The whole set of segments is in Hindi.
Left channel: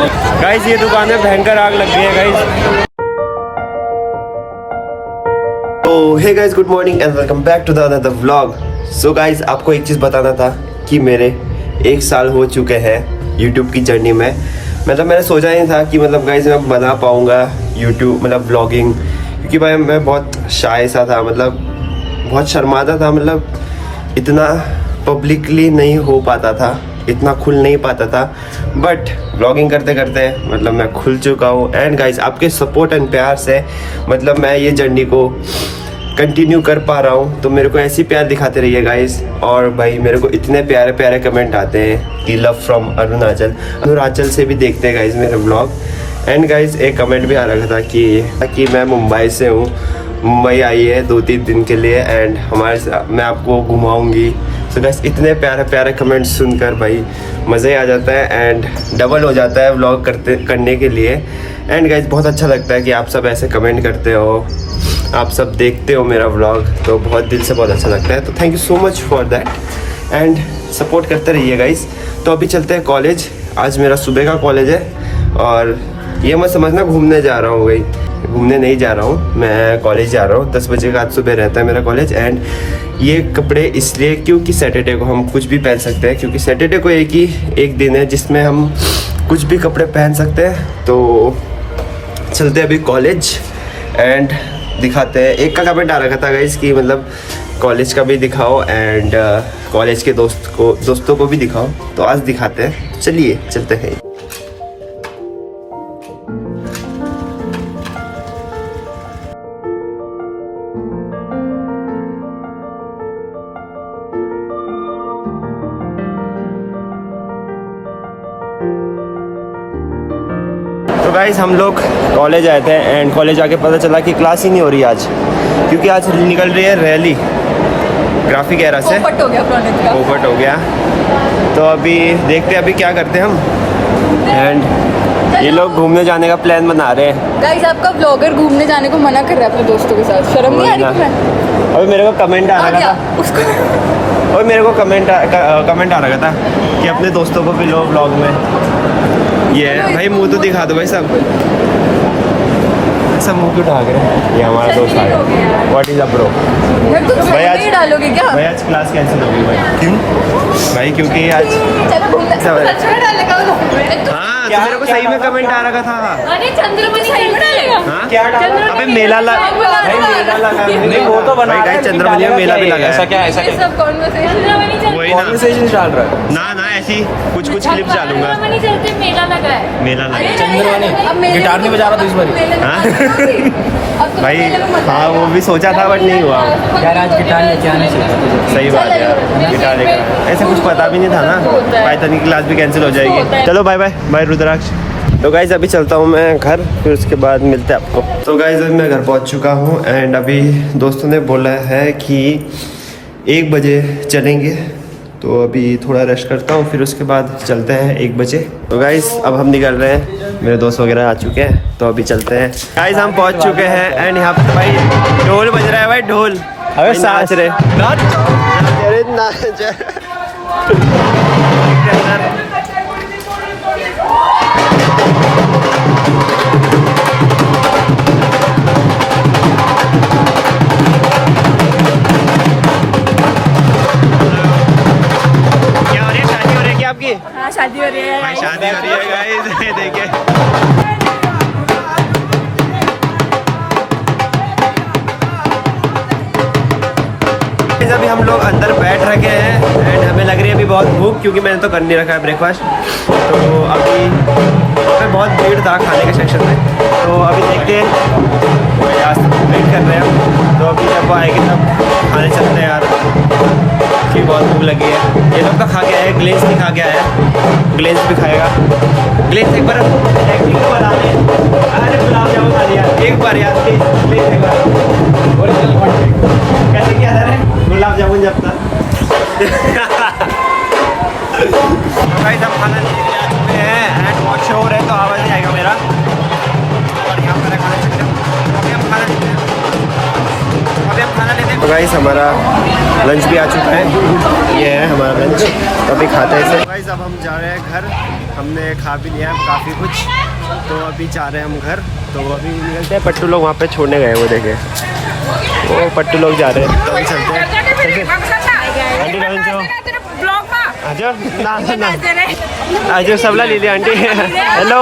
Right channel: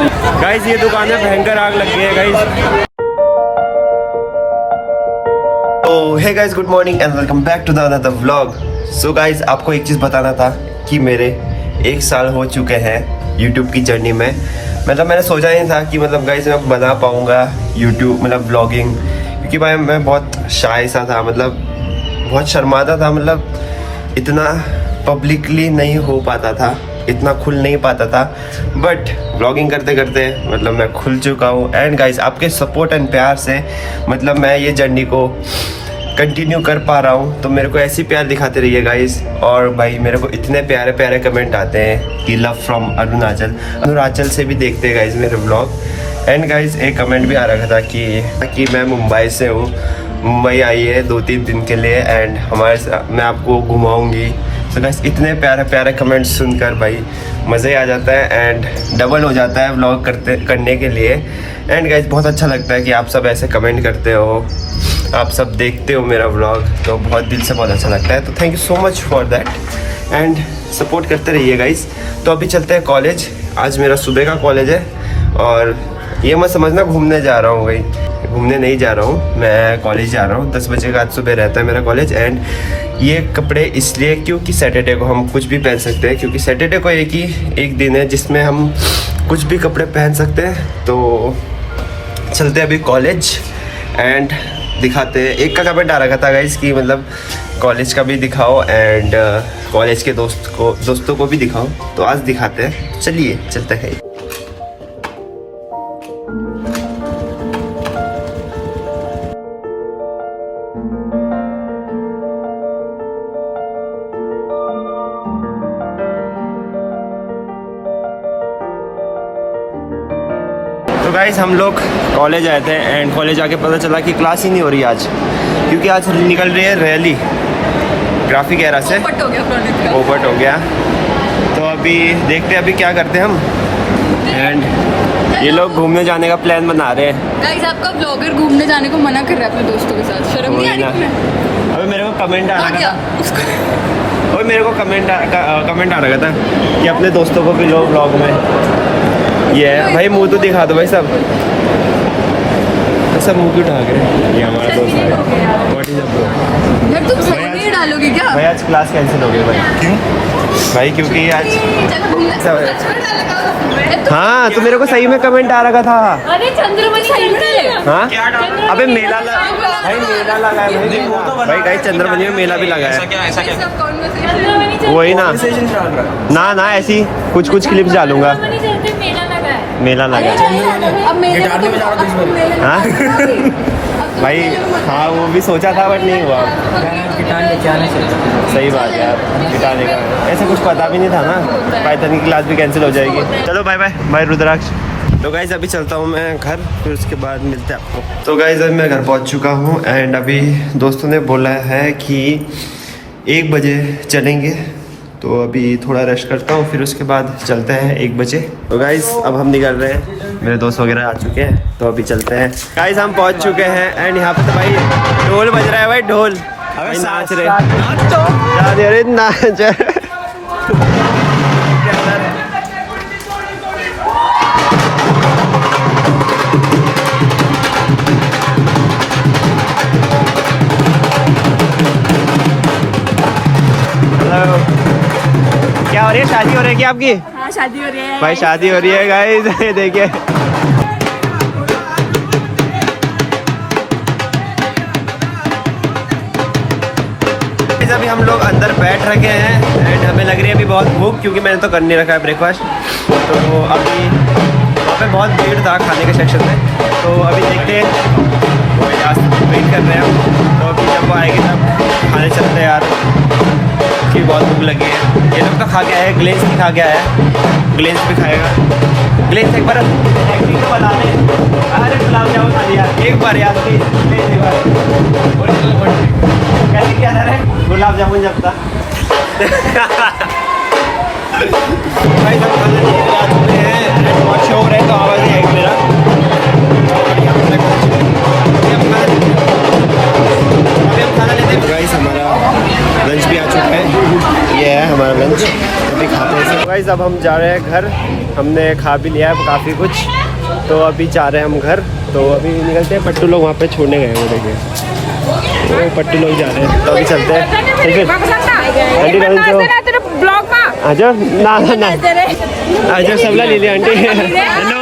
गाइस ये दुकान में भयंकर आग लग गई है गाइस। तो hey guys, good morning and welcome back to the another vlog. So guys, आपको एक चीज़ बताना था कि मेरे 1 साल हो चुके हैं यूट्यूब की जर्नी में। मतलब मैंने सोचा नहीं था कि मतलब गाइस मैं बना पाऊँगा यूट्यूब मतलब व्लॉगिंग, क्योंकि भाई मैं बहुत शाय सा था, मतलब बहुत शर्माता था, मतलब इतना पब्लिकली नहीं हो पाता था, इतना खुल नहीं पाता था। बट व्लॉगिंग करते करते मतलब मैं खुल चुका हूँ। एंड गाइस, आपके सपोर्ट एंड प्यार से मतलब मैं ये जर्नी को कंटिन्यू कर पा रहा हूँ। तो मेरे को ऐसी प्यार दिखाते रहिए गाइस। और भाई मेरे को इतने प्यारे प्यारे कमेंट आते हैं कि लव फ्रॉम अरुणाचल से भी देखते हैं गाइस मेरे व्लॉग। एंड गाइस एक कमेंट भी आ रहा था कि मैं मुंबई से हूँ, मुंबई आई है 2-3 दिन के लिए एंड मैं आपको घुमाऊंगी। तो गाइस इतने प्यारे प्यारे कमेंट्स सुनकर भाई मज़ा ही आ जाता है एंड डबल हो जाता है व्लॉग करने के लिए। एंड गाइस बहुत अच्छा लगता है कि आप सब ऐसे कमेंट करते हो, आप सब देखते हो मेरा व्लॉग, तो बहुत दिल से बहुत अच्छा लगता है। तो thank you so much for that and support करते रहिए गाइस। तो अभी चलते हैं कॉलेज। आज मेरा सुबह का कॉलेज है और ये मत समझना घूमने जा रहा हूँ भाई, घूमने नहीं जा रहा हूँ, मैं कॉलेज जा रहा हूँ। 10 बजे का आज सुबह रहता है मेरा कॉलेज। एंड ये कपड़े इसलिए क्योंकि सैटरडे को हम कुछ भी पहन सकते हैं, क्योंकि सैटरडे को एक दिन है जिसमें हम कुछ भी कपड़े पहन सकते हैं। तो चलते हैं अभी कॉलेज एंड दिखाते हैं। एक का कमेंट आ रखा था गाइस कि मतलब कॉलेज का भी दिखाओ एंड कॉलेज के दोस्तों को भी दिखाओ। तो आज दिखाते हैं, चलिए चलते हैं। तो गाइस हम लोग कॉलेज आए थे एंड कॉलेज आके पता चला कि क्लास ही नहीं हो रही आज, क्योंकि आज निकल रही है रैली ग्राफिक एरा से। पोपट हो गया। तो अभी देखते हैं अभी क्या करते हैं हम। एंड ये लोग घूमने जाने का प्लान बना रहे हैं। गाइस आपका ब्लॉगर घूमने जाने को मना कर रहा है अपने दोस्तों के साथ, शर्म नहीं आ रही है? अभी मेरे को कमेंट आ रहा था और मेरे को कमेंट आ रहा था कि अपने दोस्तों को भी लो ब्लॉग में। ये है भाई, मुंह तो दिखा दो भाई सब मुंह क्यों ढाक रहे हैं। ये हमारा दोस्त आ गया। What is up bro? भाई आज डालोगे क्या? भाई आज क्लास कैंसिल हो गई भाई। क्यों भाई? क्योंकि आज हाँ तो मेरे को सही में कमेंट आ रहा था। हाँ अबे मेला भाई मेला लगा है भाई गाइस, चंद्रमणि में मेला भी लगा है। वही ना ना ऐसी कुछ क्लिप्स डालूंगा। मेला लगा है। गिटार नहीं बजा रहा था इस बार। हाँ भाई हाँ वो भी सोचा था बट नहीं हुआ यार। आज गिटार लेके आना चाहिए। सही बात है यार, गिटार लेकर आए। ऐसे कुछ पता भी नहीं था ना, पाइथन की क्लास भी कैंसिल हो जाएगी। चलो बाय बाय बाय रुद्राक्ष। तो गाइज अभी चलता हूँ मैं घर, फिर उसके बाद मिलते हैं आपको। तो गाइज अभी मैं घर पहुँच चुका हूँ एंड अभी दोस्तों ने बोला है कि 1 बजे चलेंगे। तो अभी थोड़ा रेस्ट करता हूँ, फिर उसके बाद चलते हैं 1 बजे। तो गाइज अब हम निकल रहे हैं, मेरे दोस्त वगैरह आ चुके हैं, तो अभी चलते हैं। गाइज हम पहुँच चुके हैं एंड यहाँ पे तो भाई ढोल बज रहा है भाई, ढोल नाच रहे हाँ शादी हो रही है भाई, शादी हो रही है गाइस। ये देखिए अभी हम लोग अंदर बैठ रखे हैं एंड हमें लग रही है अभी बहुत भूख, क्योंकि मैंने तो कर नहीं रखा है ब्रेकफास्ट। तो अभी वहाँ पे बहुत भीड़ था खाने के सेक्शन में, तो अभी देखते हैं, वेट कर रहे हैं हम। तो अभी जब वो आएगी तब खाने चलते हैं यार, कि बहुत भूख लगी है। ये लोग तो खा के आए, ग्लेस भी खा के आया है, ग्लेस भी खाएगा। ग्लेस एक बार एक्टिंग तो बता दे। अरे गुलाब जामुन खा लिया एक बार यार, कैसे क्या था रे गुलाब जामुन जब था। भाई सब खाना लेके आ चुके हैं एंड बहुत शोर है तो आवाज़ नहीं आएगा मेरा। और यहाँ पर अभी हम खाना लेते हैं। गाइस हमारा लंच भी आ चुका है, ये है हमारा लंच, तो अभी खाते हैं। गाइस अब हम जा रहे हैं घर। हमने खा भी लिया है काफ़ी कुछ, तो अभी जा रहे हैं हम घर। तो अभी निकलते हैं। पट्टू लोग वहाँ पे छोड़ने गए, वो देखे वो पट्टू लोग जा रहे हैं, तो अभी चलते हैं। ठीक है आंटी आजा ना ना आजा सबला ले लिया आंटी। हेलो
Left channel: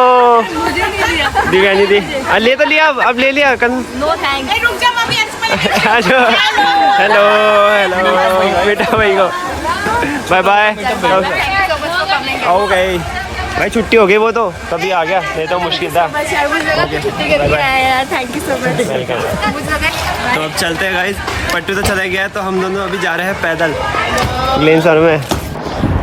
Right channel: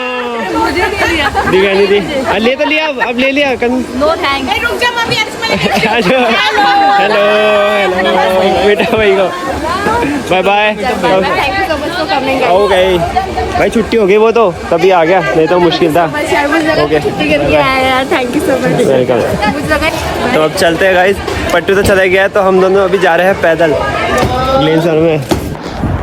दिव्यानी दी ले तो लिया, अब ले लिया कल। No thanks. रुक जा मम्मी, हेलो हेलो बेटा भाई को बाय बाय। ओके भाई छुट्टी हो गई वो तो तभी आ गया, नहीं तो मुश्किल था। Okay thank you so much. तो अब चलते हैं गाइस। पट्टू तो चला गया है, तो हम दोनों अभी जा रहे हैं पैदल ग्लेन सर में।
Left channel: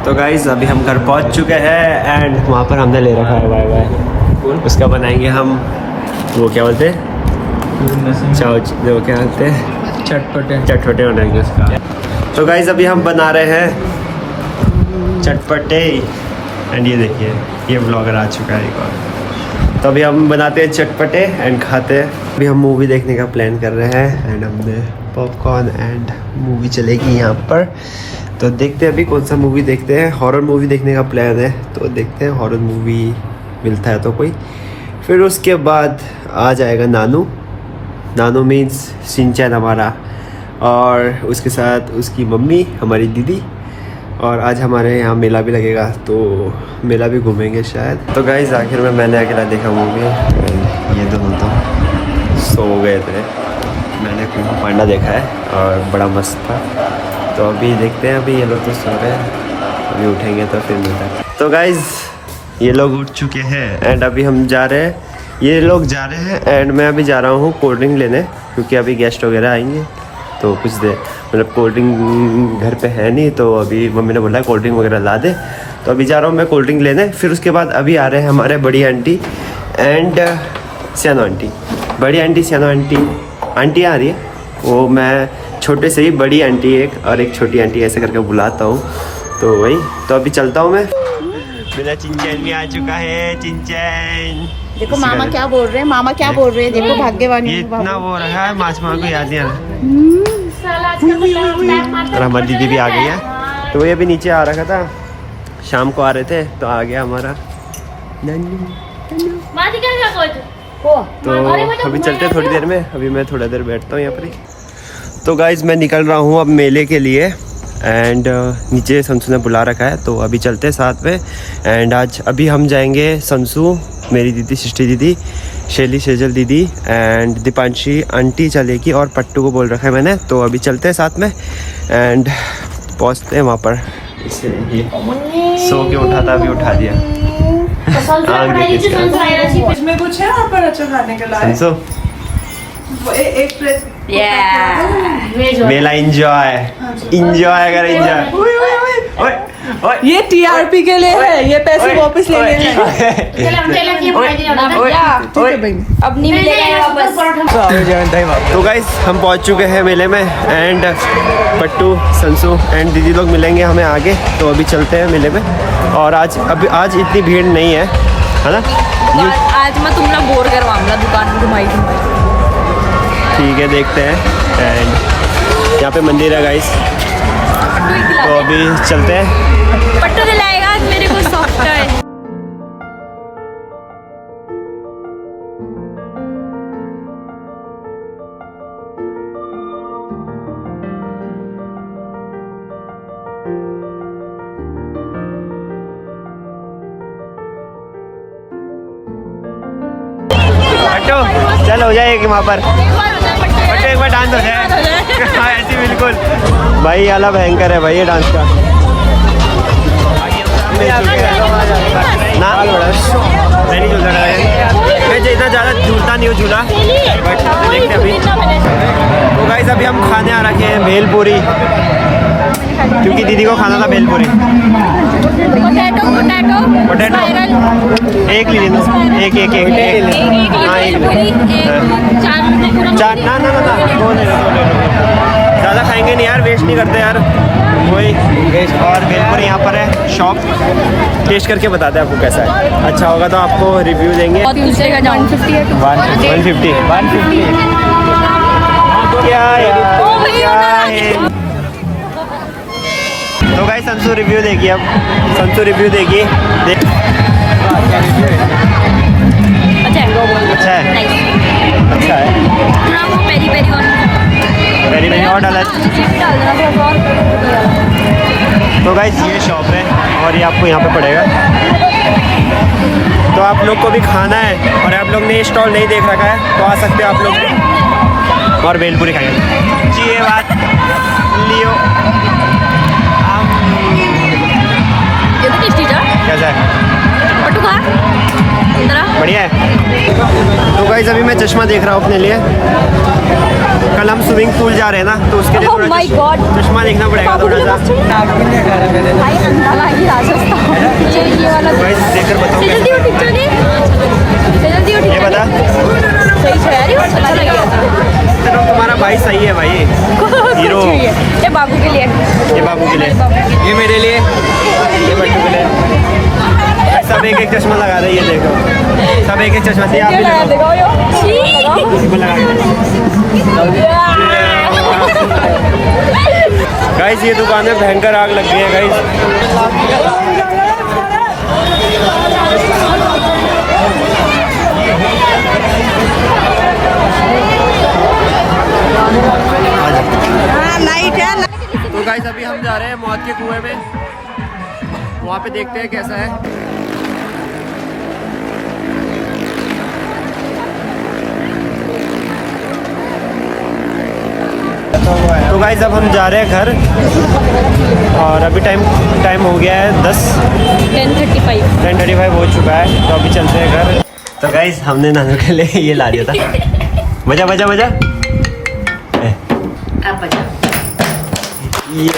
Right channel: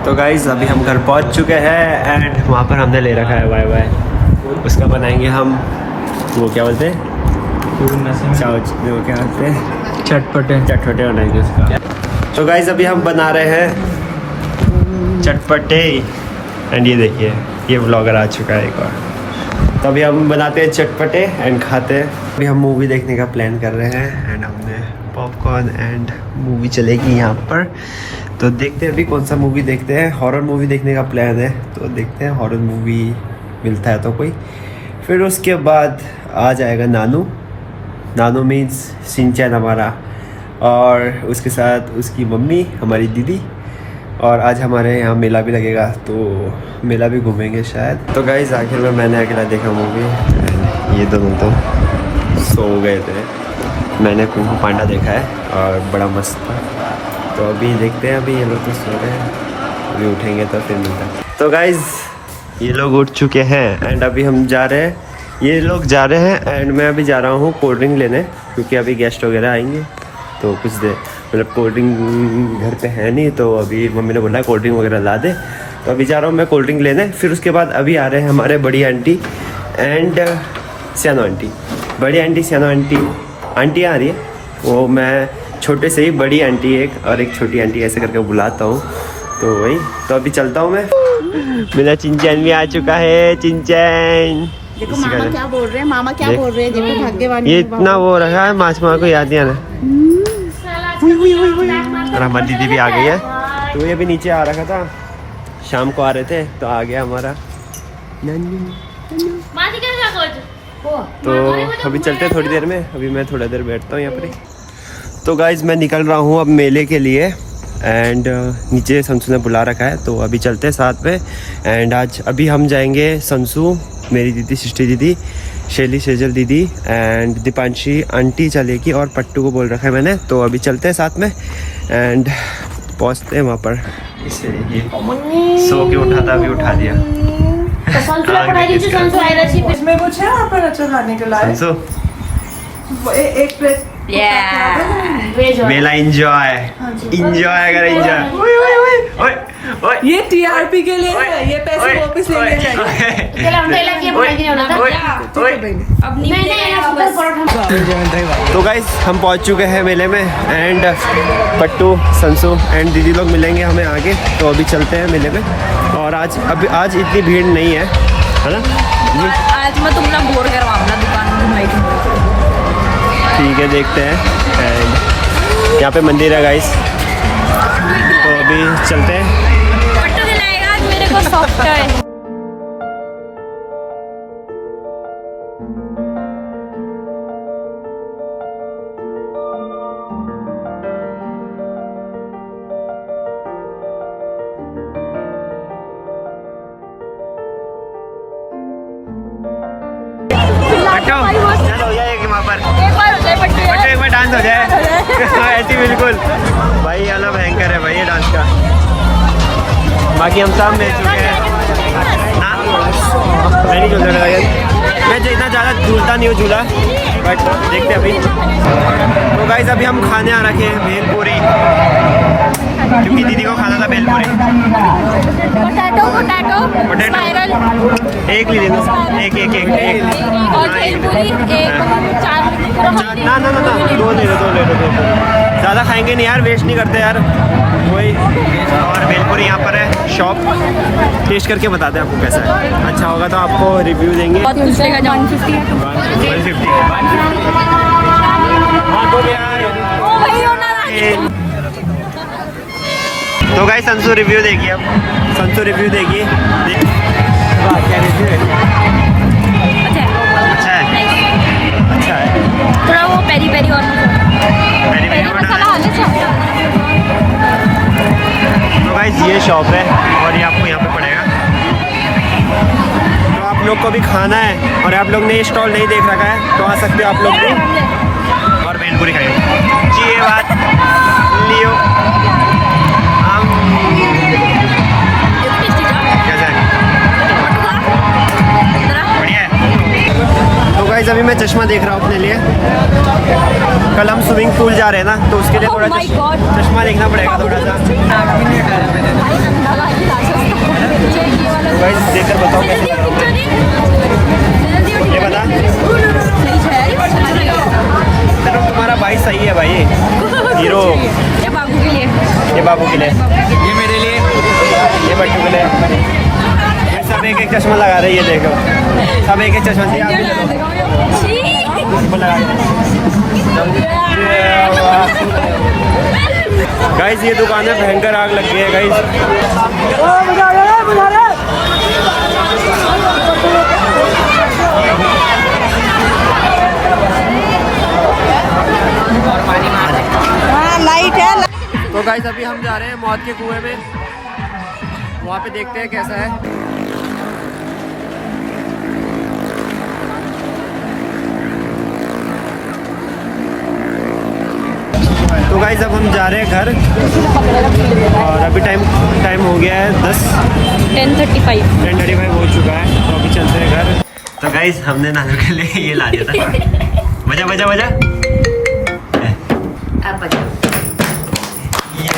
तो गाइस अभी हम घर पहुंच चुके हैं एंड वहाँ पर हमने ले रखा है वाई वाई। उसका बनाएंगे हम वो क्या बोलते हैं चाउच, वो क्या बोलते हैं चटपटे बनाएंगे उसका। तो गाइस अभी हम बना रहे हैं चटपटे एंड ये देखिए ये व्लॉगर आ चुका है एक और। तो अभी हम बनाते हैं चटपटे एंड खाते हैं। अभी हम मूवी देखने का प्लान कर रहे हैं एंड हमने पॉपकॉर्न एंड मूवी चलेगी यहाँ पर। तो देखते हैं अभी कौन सा मूवी देखते हैं। हॉरर मूवी देखने का प्लान है, तो देखते हैं हॉरर मूवी मिलता है तो कोई। फिर उसके बाद आ जाएगा नानू। नानू मीन्स शिनचैन हमारा, और उसके साथ उसकी मम्मी हमारी दीदी। और आज हमारे यहाँ मेला भी लगेगा, तो मेला भी घूमेंगे शायद। तो गाइस आखिर में मैंने अकेला देखा मूवी। ये दोनों तो सो गए थे। मैंने कुंग फू पांडा देखा है और बड़ा मस्त था। तो अभी देखते हैं। अभी ये लोग तो सो रहे हैं, अभी उठेंगे तो फिर मिलता है। तो गाइस ये लोग उठ चुके हैं एंड अभी हम जा रहे हैं। ये लोग जा रहे हैं एंड मैं अभी जा रहा हूँ कोल्ड ड्रिंक लेने, क्योंकि अभी गेस्ट वगैरह आएंगे। तो कुछ देर मतलब कोल्ड ड्रिंक घर पे है नहीं, तो अभी मम्मी ने बोला कोल्ड ड्रिंक वगैरह ला दे। तो अभी जा रहा हूँ मैं कोल्ड ड्रिंक लेने। फिर उसके बाद अभी आ रहे हैं हमारे बड़ी आंटी एंड सियानो आंटी। बड़ी आंटी सियानो आंटी आ रही है। वो मैं छोटे से ही बड़ी आंटी एक और एक छोटी आंटी ऐसे करके बुलाता हूँ, तो वही। तो अभी चलता हूँ मैं। मेरा चिंचैन भी आ चुका है। चिंचैन देखो मामा क्या बोल रहे हैं, मामा क्या बोल रहे हैं। देखो भाग्यवान ये इतना वो रखा है, माछ माँ को याद नहीं आना। और हमारी दीदी भी आ गई है। तो ये अभी नीचे आ रखा था, शाम को आ रहे थे, तो आ गया हमारा नन्नू। तो अभी चलते थोड़ी देर में। अभी मैं थोड़ा देर बैठता हूँ यहाँ पर ही। तो गाइज मैं निकल रहा हूँ अब मेले के लिए एंड नीचे संसू ने बुला रखा है, तो अभी चलते हैं साथ में। एंड आज अभी हम जाएंगे संसू, मेरी दीदी, सृष्टि दीदी, शैली सेजल दीदी एंड दीपांशी आंटी चलेगी, और पट्टू को बोल रखा है मैंने। तो अभी चलते हैं साथ में एंड पहुँचते हैं वहाँ पर। इससे ये सो के उठा था, अभी उठा दिया। आग देखिए इसका। इसमें कुछ है वहाँ पर अच्छा खाने के लिए? संसू एक प्लेट मेला इंजॉय कर इंजॉय। ये टीआरपी के लिए है, ये पैसे वापस लेने चाहिए। अब नहीं मिलेगा वापस। तो गाइस हम पहुंच चुके हैं मेले में एंड पट्टू, संसू एंड दीदी लोग मिलेंगे हमें आगे। तो अभी चलते हैं मेले में। और आज इतनी भीड़ नहीं है ना। आज मैं तुमला बोर करवाऊंगा, दुकान घुमाई दूंगा। ठीक है देखते हैं। एंड यहाँ पे मंदिर है गाइस, तो अभी चलते हैं। पट्टू दिलाएगा आज मेरे को सॉफ्ट है। पट्टू चल हो जाए वहाँ पर। पट्टू एक बार डांस हो जाए। हाँ ऐसी बिल्कुल भाई, आला भयंकर है भाई ये डांस का। बाकी हम सब मिल चुके हैं ना। मैं नहीं झूलता था, मैं इतना ज़्यादा झूलता नहीं हूँ झूला, बट देखते अभी। तो गाइस अभी हम खाने आ रखे हैं भेलपूरी, क्योंकि दीदी को खाना था भेलपूरी। पोटैटो एक ले लो, एक चार ना दो ले लो भेलपूरी। ज़्यादा खाएंगे नहीं यार, वेस्ट नहीं करते यार। वही और भेलपूरी यहाँ पर है शॉप। टेस्ट करके बताते हैं आपको कैसा है। अच्छा होगा तो आपको रिव्यू देंगे। 150 है 150। तो गाइस संसू रिव्यू देखिए आप। संतु रिव्यू देगी। अच्छा है अच्छा है, नाइस अच्छा है। थोड़ा वो पेरी पेरी और पहली मैंने और डाला है। तो गाइस ये शॉप है और ये आपको यहाँ पे पड़ेगा। तो आप लोग को भी खाना है और आप लोग ने ये स्टॉल नहीं देख रखा है तो आ सकते हो आप लोग भी और भेलपुरी खाएंगे जी। ये बात लियो हम कैसा है, बढ़िया है। तो गाइस अभी मैं चश्मा देख रहा हूँ अपने लिए। कल हम स्विमिंग पूल जा रहे हैं ना तो उसके लिए थोड़ा चश्मा देखना पड़ेगा थोड़ा सा। तो गाइस देखकर बताओ कैसा लग रहा हूँ मैं, ये बता। चलो तुम्हारा भाई सही है भाई, हीरो। ये बाबू के लिए, ये बाबू के लिए, ये मेरे लिए। गाइस सब एक एक चश्मा लगा रहे हैं, ये देखो सब एक एक चश्मा दिया। आप भी लगाओ, इसको लगा के गाइस। ये दुकान में भयंकर आग लग गई है गाइस। लाइट है। तो गाइस अभी हम जा रहे हैं मौत के कुएं में, वहाँ पे देखते हैं कैसा है। तो गाइस अब हम जा रहे हैं घर और अभी टाइम हो गया है 10:35 हो चुका है। तो अभी चलते हैं घर। तो गाइस हमने नानू के लिए ये ला दिया था। बजा बजा बजा अब बजा ये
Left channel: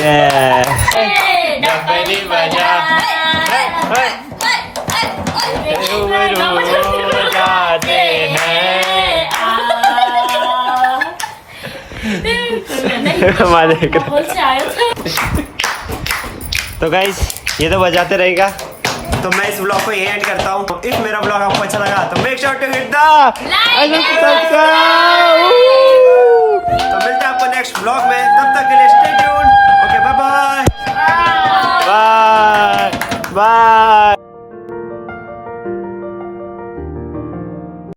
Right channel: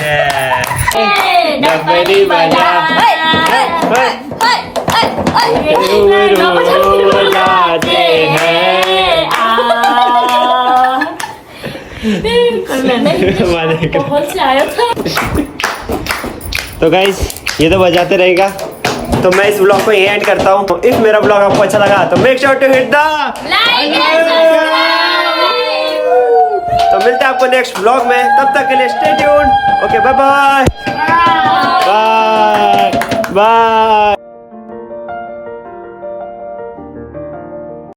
तो गाइस ये तो बजाते रहेगा। तो मैं इस ब्लॉग को यहीं एंड करता हूँ। तो इफ मेरा ब्लॉग आपको अच्छा लगा तो make sure to hit the like. तो मिलते हैं आपको नेक्स्ट ब्लॉग में, तब तक के लिए stay tuned. Okay bye bye.